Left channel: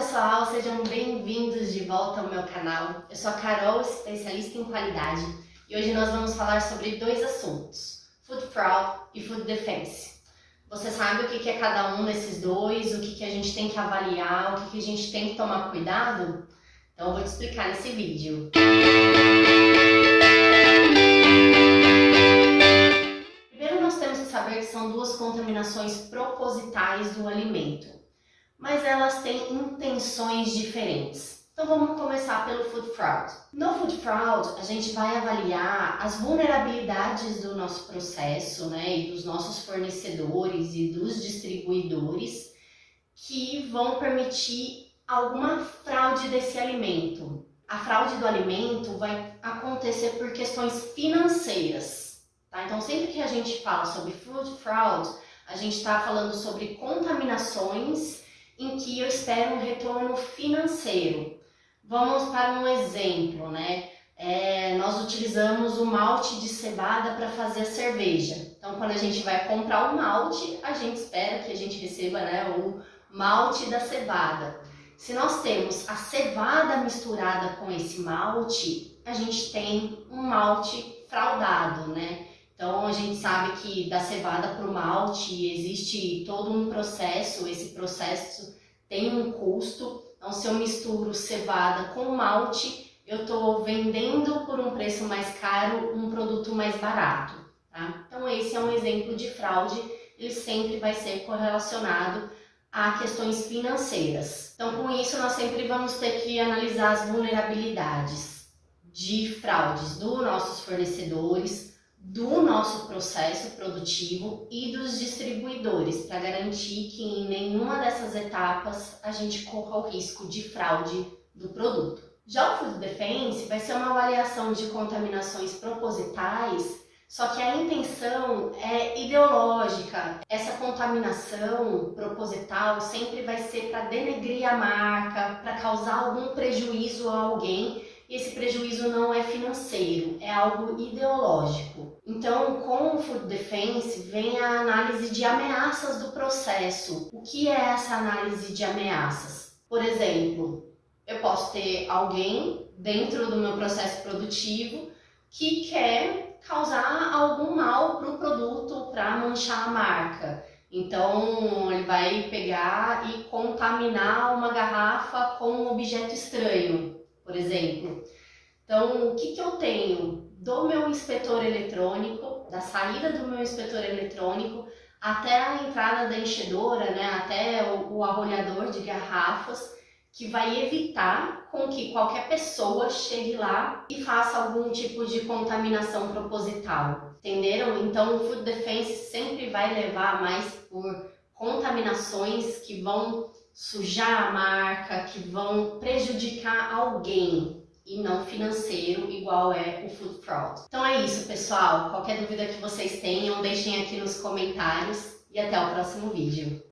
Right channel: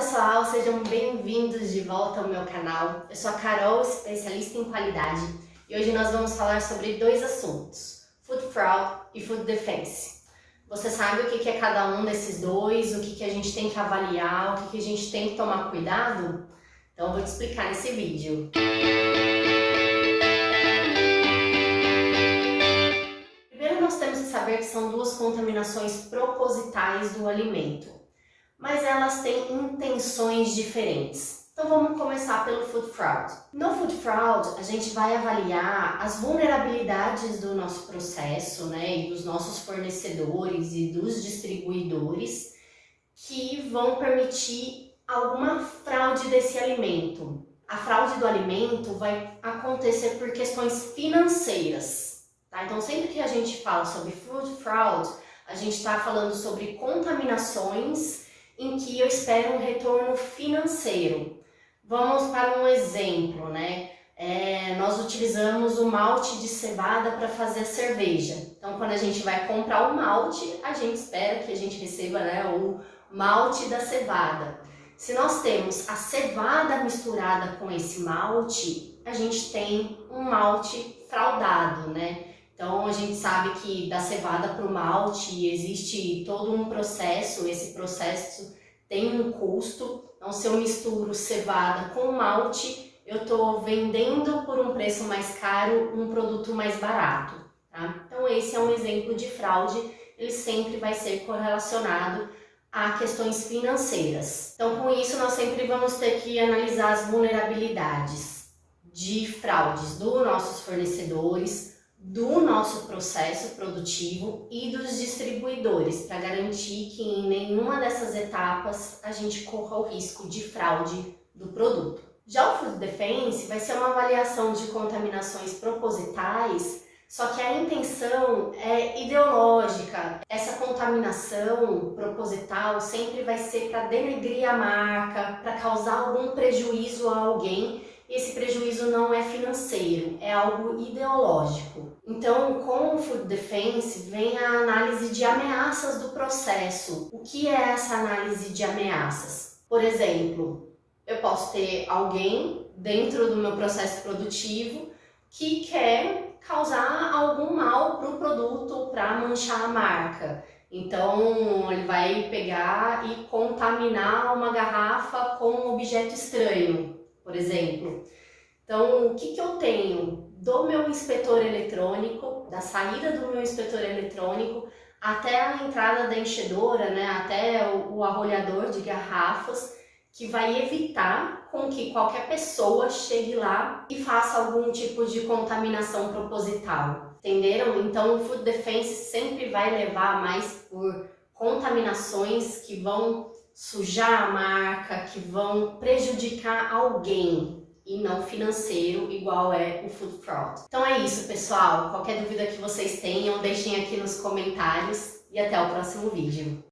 pessoal, sejam bem-vindos de volta ao meu canal. Eu sou a Carol, especialista em qualidade, e hoje nós vamos falar sobre dois assuntos: Food Fraud e Food Defense. Você sabe o que é cada um desses dois, o que a gente tem que avaliar, o que a gente tem que tomar cuidado? Então eu vou te explicar nesse vídeo. Primeiro nós temos que saber que são duas contaminações propositais do alimento, mas elas têm intenções diferentes. Então vamos começar pelo Food Fraud. No Food Fraud, a gente vai avaliar as vulnerabilidades do nosso processo, e dos nossos fornecedores e dos distribuidores que vão permitir alguma fraude desse alimento. A fraude do alimento vai acontecer por questões financeiras, tá? Então sempre que a gente fala sobre Food Fraud, a gente está falando sobre contaminações em que eu espero um retorno financeiro. Vamos para um exemplo, nós utilizamos o malte de cevada para fazer a cerveja. Então, quando a gente vai comprar o malte, a gente espera que a gente receba, o malte da cevada. Se nós temos a cevada misturada com esse malte, a gente tem um malte fraudado, Então, a gente sabe que da cevada para o malte existe todo um processo, esse processo tem um custo. Então, se eu misturo cevada com malte, eu estou vendendo por um preço mais caro um produto mais barato, tá? Então, esse é um exemplo de fraude, ele sempre vai ser correlacionado a questões financeiras. Então, com isso, nós sempre vamos ter que analisar as vulnerabilidades de fraudes dos nossos fornecedores, do nosso processo produtivo e dos distribuidores, para garantir que em nenhuma dessas etapas a gente corra o risco de fraude do produto. Já o Food Defense vai ser uma avaliação de contaminações propositais, só que a intenção é ideológica. Essa contaminação proposital sempre vai ser para denegrir a marca, para causar algum prejuízo a alguém. E esse prejuízo não é financeiro, é algo ideológico. Então, com o Food Defense vem a análise de ameaças do processo. O que é essa análise de ameaças? Por exemplo, eu posso ter alguém dentro do meu processo produtivo que quer causar algum mal para o produto, para manchar a marca. Então, ele vai pegar e contaminar uma garrafa com um objeto estranho, por exemplo. Então, o que eu tenho do meu inspetor eletrônico, da saída do meu inspetor eletrônico até a entrada da enchedora, até o arrolhador de garrafas, que vai evitar com que qualquer pessoa chegue lá e faça algum tipo de contaminação proposital. Entenderam? Então, o Food Defense sempre vai levar mais por contaminações que vão sujar a marca, que vão prejudicar alguém e não financeiro, igual é o Food Fraud. Então é isso, pessoal. Qualquer dúvida que vocês tenham, deixem aqui nos comentários e até o próximo vídeo.